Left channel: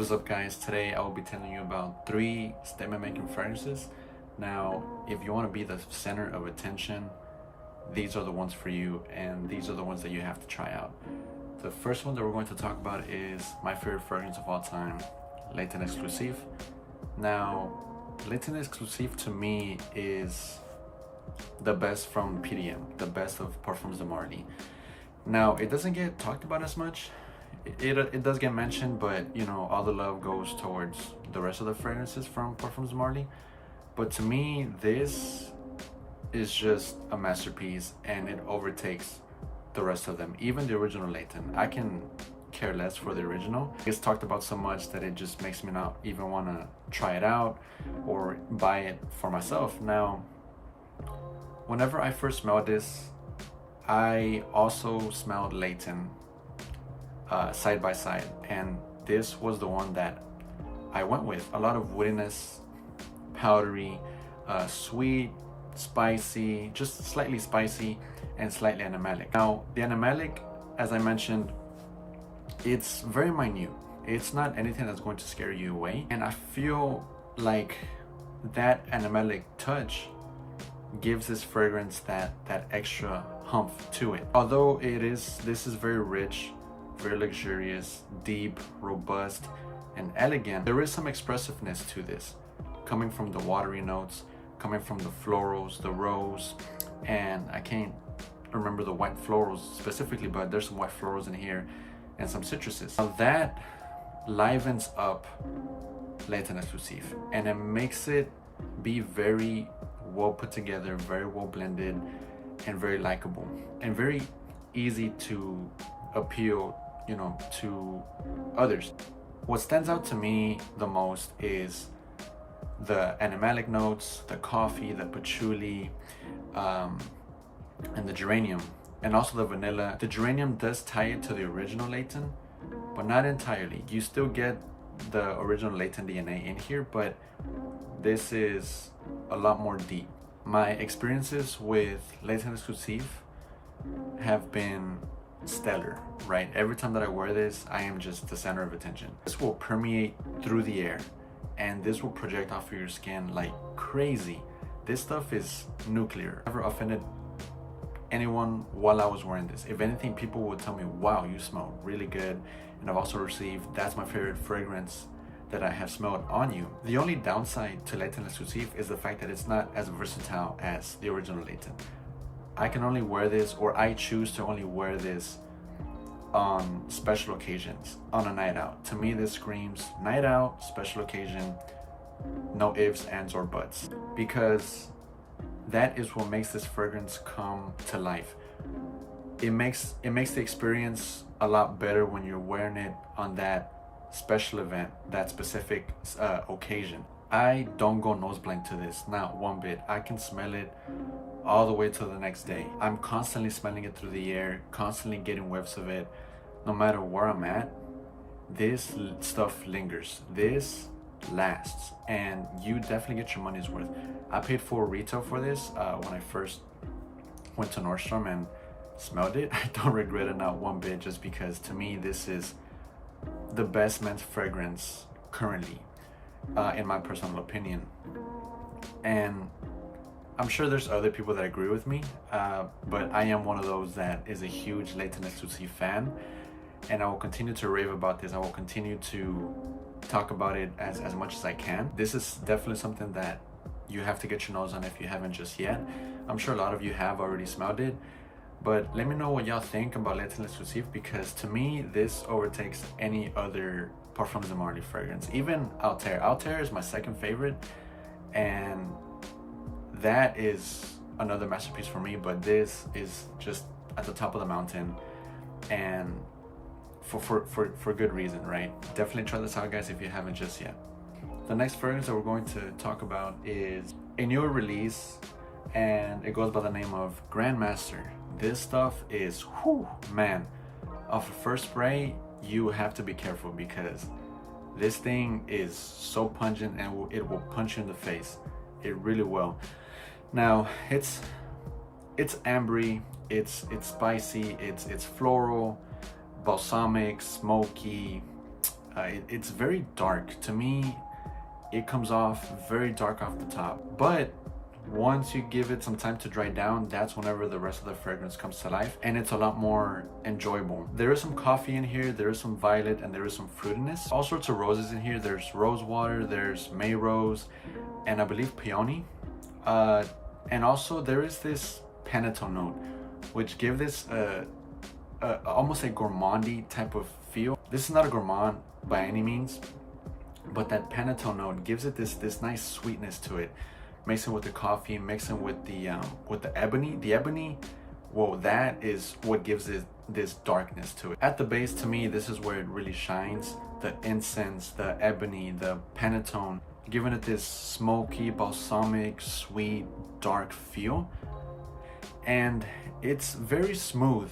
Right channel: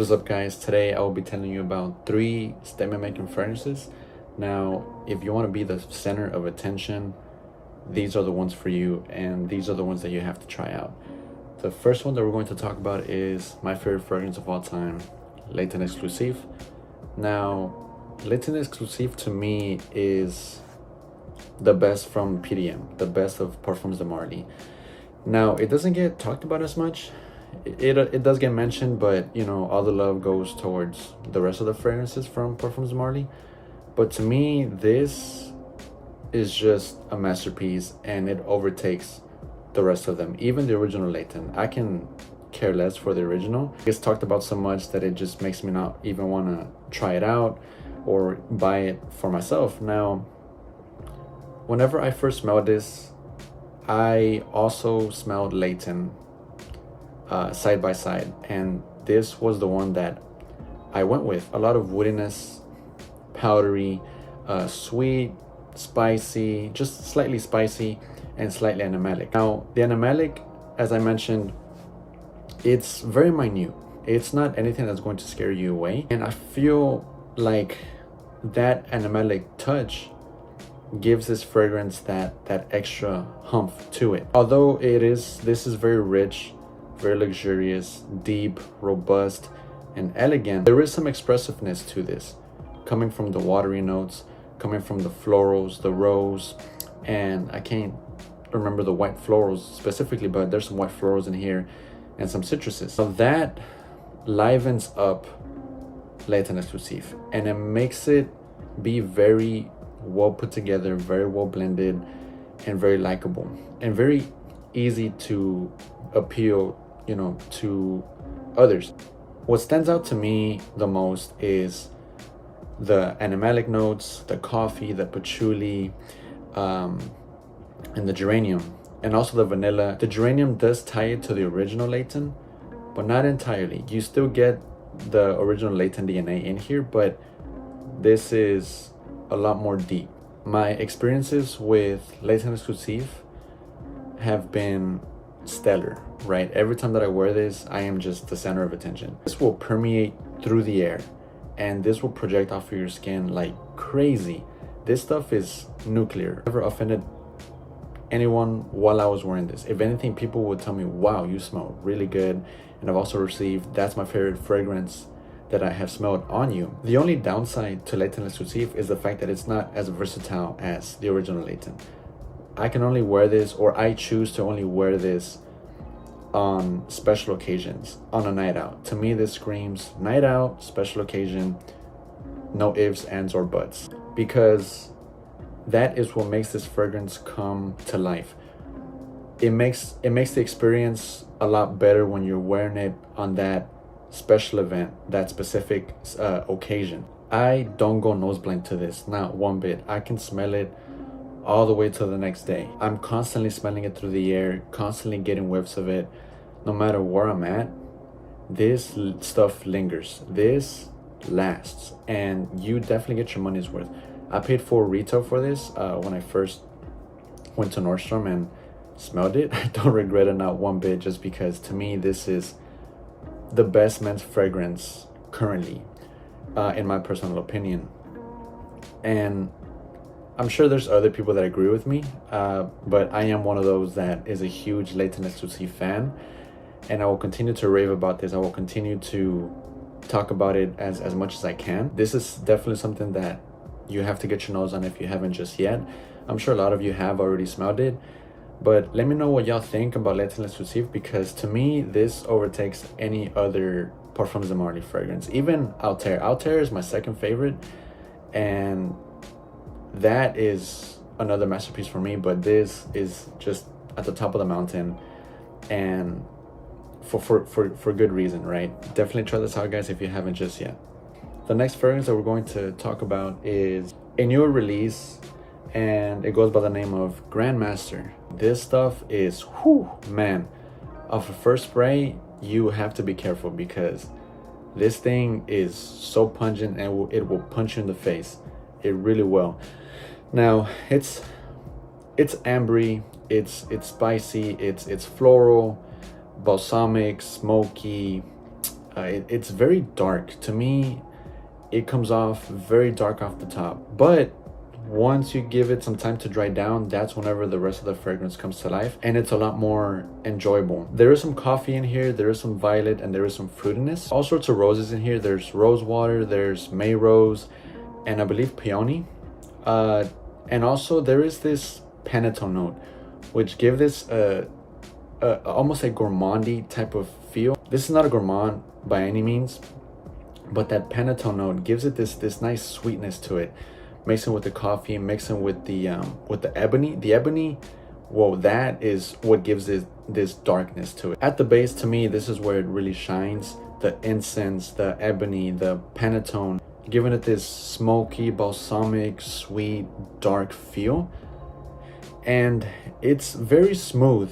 What is up, guys? Today I will be telling you about 3 statement making fragrances. Now, if you want to be the center of attention, these are the ones for you, and these are the ones that you have to try out. The first one that we're going to talk about is my favorite fragrance of all time, Nuit Exclusive. Now, Nuit Exclusive to me is the best from PDM, the best of Parfums de Marly. Now, it doesn't get talked about as much. It does get mentioned, but you know, all the love goes towards the rest of the fragrances from Parfums de Marly. But to me, this is just a masterpiece, and it overtakes the rest of them. Even the original Layton, I can care less for the original. It's talked about so much that it just makes me not even want to try it out or buy it for myself. Now, whenever I first smelled this, I also smelled Layton side by side, and this was the one that I went with. A lot of woodiness, powdery, sweet, spicy, just slightly spicy, and slightly animalic. Now, the animalic, as I mentioned, it's very minute. It's not anything that's going to scare you away, and I feel like that animalic touch gives this fragrance that extra humph to it. Although this is very rich, very luxurious, deep, robust, and elegant, there is some expressiveness to this, coming from the watery notes, coming from the florals, the rose, and I can't remember the white florals specifically, but there's some white florals in here and some citruses. Now that livens up Nuit Exclusive, and it makes it be very well put together, very well blended, and very likable, and very easy to appeal, you know, to others. What stands out to me the most is the animalic notes, the coffee, the patchouli, and the geranium, and also the vanilla. The geranium does tie it to the original Layton, but not entirely. You still get the original Layton DNA in here, but this is a lot more deep. My experiences with Nuit Exclusive have been stellar, right? Every time that I wear this, I am just the center of attention. This will permeate through the air, and this will project off of your skin like crazy. This stuff is nuclear. Never offended anyone while I was wearing this. If anything, people would tell me, wow, you smell really good. And I've also received, that's my favorite fragrance that I have smelled on you. The only downside to Nuit Exclusive is the fact that it's not as versatile as the original Layton. I can only wear this, or I choose to only wear this on special occasions, on a night out. To me, this screams night out, special occasion, no ifs, ands, or buts, because that is what makes this fragrance come to life. It makes the experience a lot better when you're wearing it on that special event, that specific occasion. I don't go nose blank to this, not one bit. I can smell it all the way to the next day. I'm constantly smelling it through the air, constantly getting whiffs of it. No matter where I'm at, this stuff lingers. This lasts, and you definitely get your money's worth. I paid full retail for this when I first went to Nordstrom and smelled it. I don't regret it, not one bit, just because to me this is the best men's fragrance currently, in my personal opinion. And I'm sure there's other people that agree with me, but I am one of those that is a huge Nuit Exclusive fan, and I will continue to rave about this. I will continue to talk about it as much as I can. This is definitely something that you have to get your nose on if you haven't just yet. I'm sure a lot of you have already smelled it, but let me know what y'all think about Nuit Exclusive, because to me, this overtakes any other Parfums de Marly fragrance. Even Altair is my second favorite, and that is another masterpiece for me, but this is just at the top of the mountain, and for good reason, right? Definitely try this out, guys, if you haven't just yet. The next fragrance that we're going to talk about is a newer release, and it goes by the name of Grandmaster. This stuff is, whew, man, off a first spray, you have to be careful, because this thing is so pungent, and it will punch you in the face. It really will. Now, it's ambery, it's spicy, it's floral, balsamic, smoky, It's very dark. To me, it comes off very dark off the top. But once you give it some time to dry down, that's whenever the rest of the fragrance comes to life, and it's a lot more enjoyable. There is some coffee in here, there is some violet, and there is some fruitiness. All sorts of roses in here. There's rose water, there's May rose, and I believe peony. And also there is this panettone note, which give this almost a gourmandy type of feel. This is not a gourmand by any means, but that panettone note gives it this nice sweetness to it. Mixing with the coffee, mixing with the ebony. The ebony, well, that is what gives it this darkness to it. At the base, to me, this is where it really shines. The incense, the ebony, the panettone, giving it this smoky, balsamic, sweet, dark feel. And it's very smooth.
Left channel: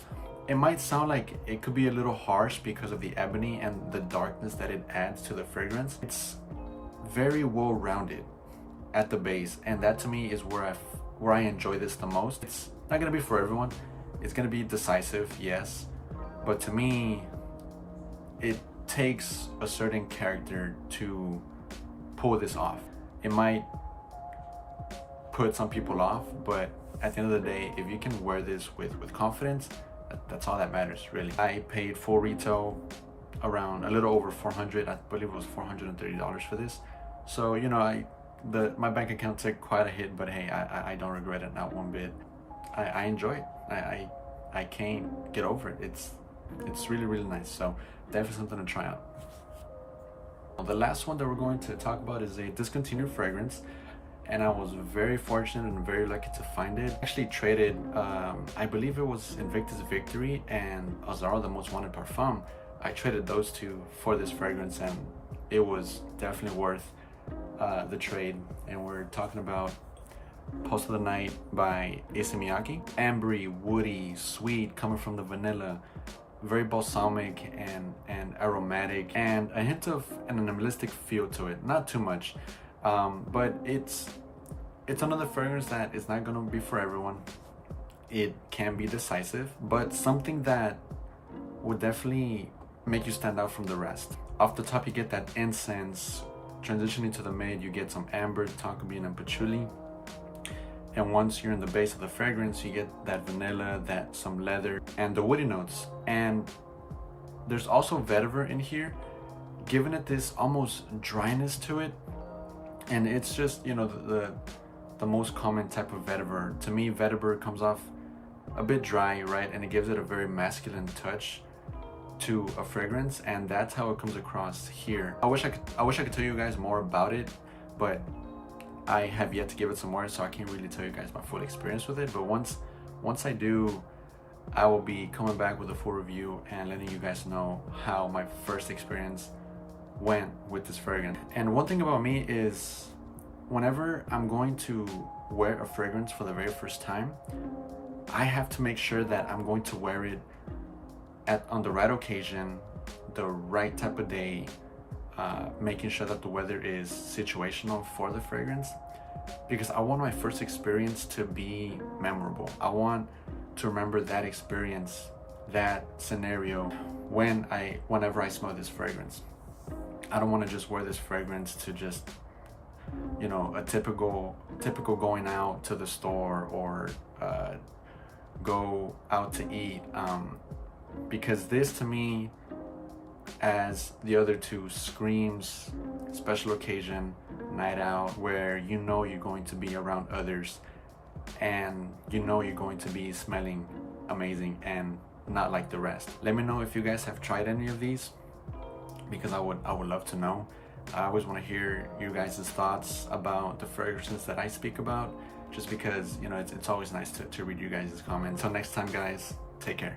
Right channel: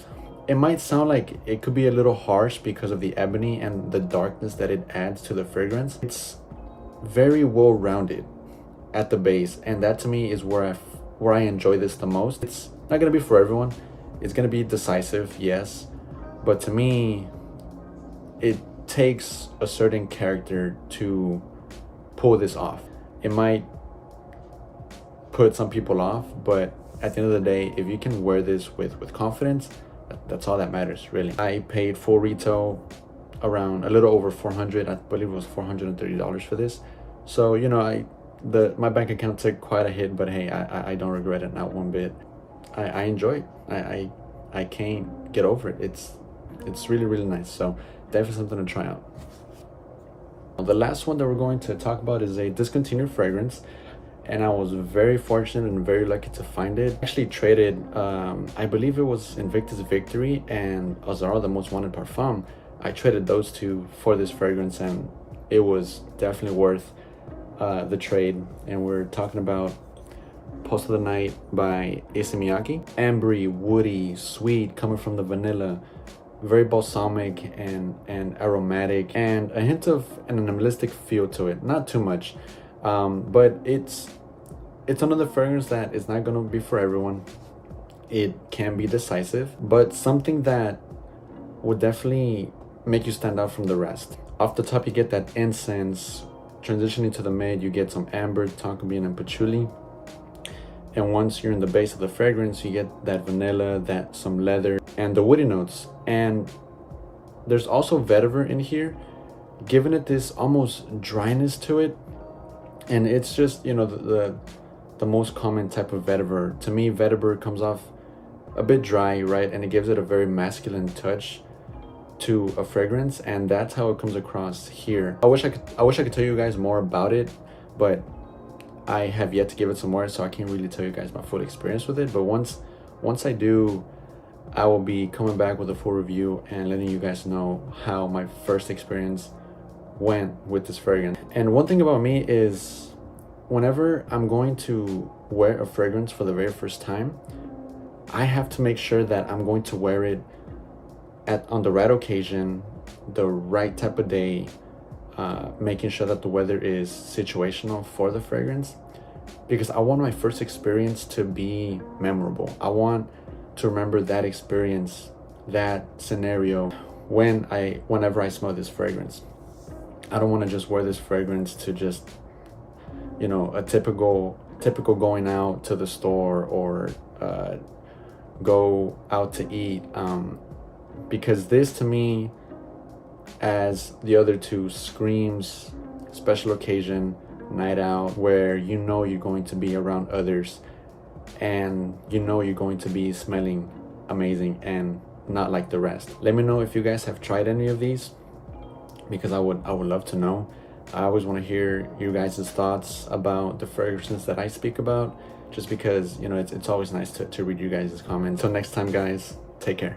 It might sound like it could be a little harsh because of the ebony and the darkness that it adds to the fragrance. It's very well-rounded at the base, and that to me is where I enjoy this the most. It's not gonna be for everyone. It's gonna be decisive, yes, but to me, it takes a certain character to pull this off. It might put some people off, but at the end of the day, if you can wear this with confidence, that's all that matters, really. I paid full retail around a little over $400. I believe it was $430 for this. So, you know, my bank account took quite a hit, but hey, I don't regret it, not one bit. I enjoy it. I can't get over it. It's really, really nice. So definitely something to try out. The last one that we're going to talk about is a discontinued fragrance, and I was very fortunate and very lucky to find it. I actually traded, I believe it was Invictus Victory and Azara, the Most Wanted Parfum. I traded those two for this fragrance, and it was definitely worth the trade. And we're talking about Post of the Night by Issey Miyake. Ambery, woody, sweet, coming from the vanilla, very balsamic and aromatic, and a hint of an animalistic feel to it. Not too much, but it's another fragrance that is not gonna be for everyone. It can be decisive, but something that would definitely make you stand out from the rest. Off the top, you get that incense. Transitioning to the mid, you get some amber, tonka bean, and patchouli. And once you're in the base of the fragrance, you get that vanilla, that some leather, and the woody notes. And there's also vetiver in here, giving it this almost dryness to it. And it's just, you know, the most common type of vetiver. To me, vetiver comes off a bit dry, right? And it gives it a very masculine touch to a fragrance, and that's how it comes across here. I wish I could tell you guys more about it, but I have yet to give it some more, so I can't really tell you guys my full experience with it. But once I do, I will be coming back with a full review and letting you guys know how my first experience went with this fragrance. And one thing about me is, whenever I'm going to wear a fragrance for the very first time, I have to make sure that I'm going to wear it on the right occasion, the right type of day, making sure that the weather is situational for the fragrance, because I want my first experience to be memorable. I want to remember that experience, that scenario, whenever I smell this fragrance. I don't want to just wear this fragrance to just, you know, a typical going out to the store or go out to eat, because this, to me, as the other two, screams special occasion, night out, where you know you're going to be around others and you know you're going to be smelling amazing and not like the rest. Let me know if you guys have tried any of these, because I would love to know. I always want to hear you guys' thoughts about the fragrances that I speak about, just because, you know, it's always nice to read you guys' comments. Until next time, guys, take care.